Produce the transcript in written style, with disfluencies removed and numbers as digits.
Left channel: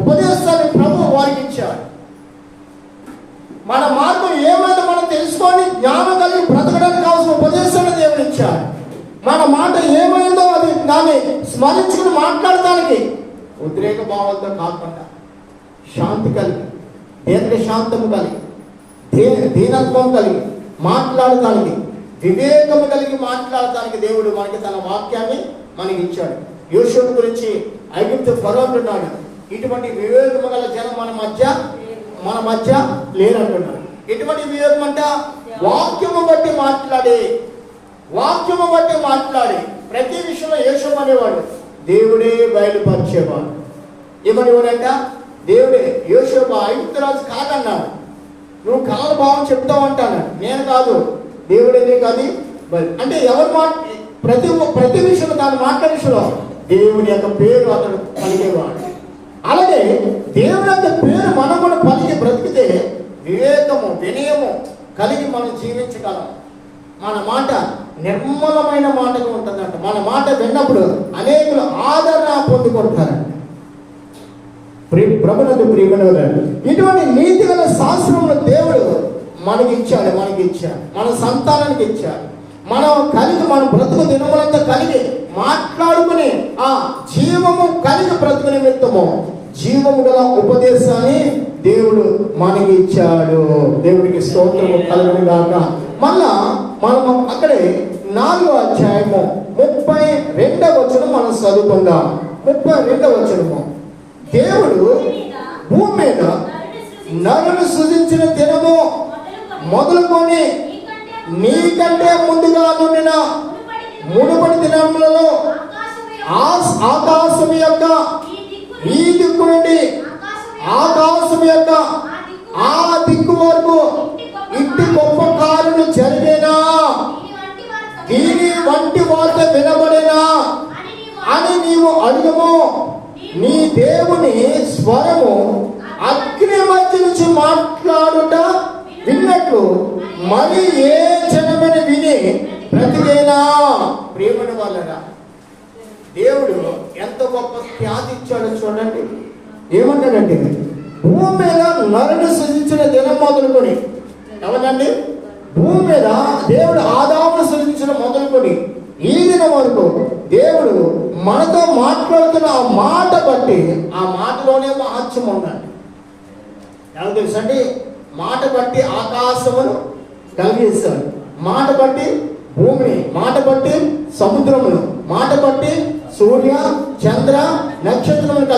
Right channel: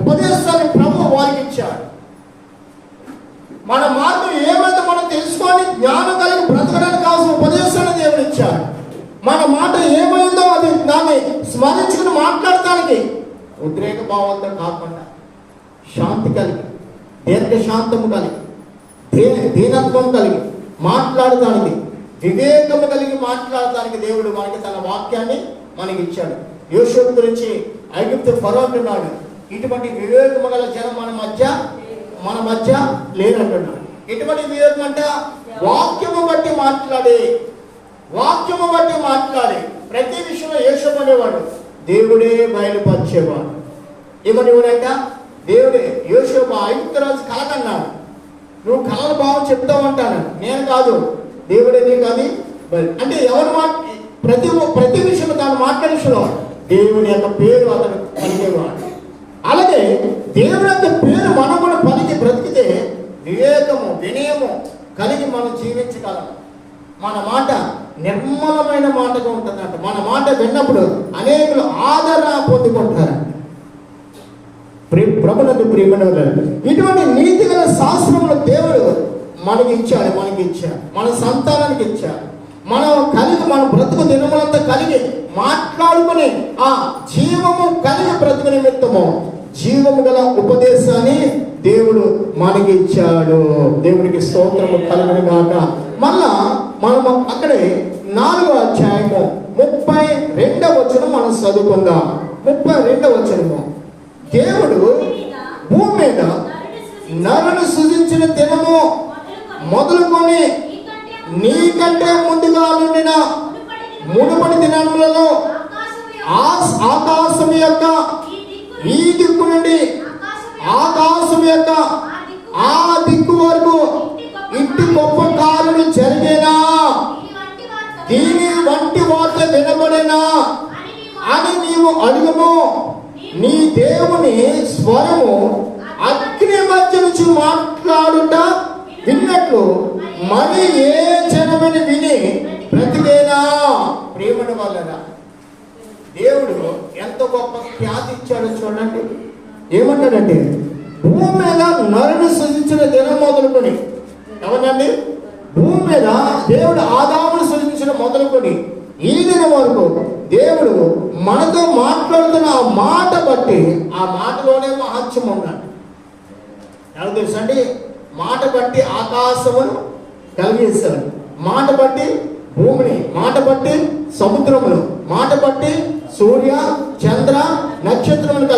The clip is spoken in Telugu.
ఉపదేశాన్ని ప్రభు వారికి ఇచ్చాడు. మన మార్గం ఏమైందో మనం తెలుసుకొని జ్ఞానం కలిగి బ్రతకడానికి కావాల్సిన ఉపదేశాన్ని దేవుడు ఇచ్చాడు. మన మాట ఏమైందో అది దాన్ని స్మరించుకుని మాట్లాడటానికి ఉద్రేక భావంతో కాకుండా శాంతి కలిగి, దీర్ఘశాంతము కలిగి, దీనత్వం కలిగి మాట్లాడటానికి, వివేకము కలిగి మాట్లాడటానికి దేవుడు మనకి తన వాక్యాన్ని మనకి ఇచ్చాడు. యోసేపు గురించి ఐగుప్తు ఫరో అంటున్నాడు, ఇటువంటి వివేకము గల జనం మన మధ్య లేరంటున్నాడు. ఇటువంటి వివేకం అంటే వాక్యము బట్టి మాట్లాడే ప్రతి విషయంలో యోసేపు అనేవాడు దేవుడే బయలుపరిచేవాడు. ఏమనేవాడంట? దేవుడే. యోసేపు ఐగుప్తు రాజు కలకన్నాడు, నువ్వు కళల భావం చెప్తావు అంటాను, నేను కాదు, దేవుడేదే కాదు. అంటే ఎవరు ప్రతి విషయంలో తాను మాట్లాడేలో దేవుడి యొక్క పేరు అతను పలికేవాడు. అలాగే దేవుడి యొక్క పేరు మనం కూడా పలికి బ్రతికితే వివేకము, వినయము కలిగి మనం జీవించగలం. మన మాట నిర్మలమైన మాటగా ఉంటుందంట. మన మాట విన్నప్పుడు అనేకులు ఆదరణ పొందుకుంటారు. ప్రభునందు ప్రియమైన ఇటువంటి నీతి గల శాస్త్రమును దేవుడు మనకి ఇచ్చాడు, మన సంతానానికి ఇచ్చాడు. మనం బ్రతుకు దినములంతా కలిగి మాట్లాడుకుని ఆ జీవము కలిగి బ్రతుకు నిమిత్తము జీవము గల ఉపదేశాన్ని దేవుడు మనకి ఇచ్చాడు. దేవుడికి స్తోత్రము కలుగును గాక. మళ్ళా మనము అక్కడే 4వ అధ్యాయము 32వ వచనం మనం చదువుకుందాం. 32వ వచనము, దేవుడు భూమి మీద నరుని సృజించిన దినము మొదలుకొని నీకంటే ముందుగా నుండిన మునుపటి దినములలో ఆకాశం యొక్క ఈ దిక్కు నుండి ఆకాశం యొక్క ఆ దిక్కు వరకు ఇట్టి గొప్ప కార్యము జరిగేనా, దీని వంటి వార్త వినబడేనా అని నీవు అడుగుము. నీ దేవుని స్వరము అగ్ని మధ్య నుంచి మాట్లాడుట విన్నట్లు మరి ఏ జనమని విని బ్రతికేనా. ప్రేమను వలన దేవుడు ఎంత గొప్ప ఖ్యాతి ఇచ్చాడో చూడండి. ఏమంటాడంటే, భూమి మీద నరుని సృజించిన దినం మొదలుకొని, ఎవరండి? భూమి మీద దేవుడు ఆదామును సృజించిన మొదలుకొని ఈ దినం వరకు దేవుడు మనతో మాట్లాడుతున్న ఆ మాట బట్టి, ఆ మాటలోనే మహత్యం ఉందండి. ఎలా తెలుసండి? మాట బట్టి ఆకాశమును కలిగేశాడు, మాట బట్టి భూమిని, మాట బట్టి సముద్రమును, మాట బట్టి సూర్య చంద్ర నక్షత్రములు కలిగి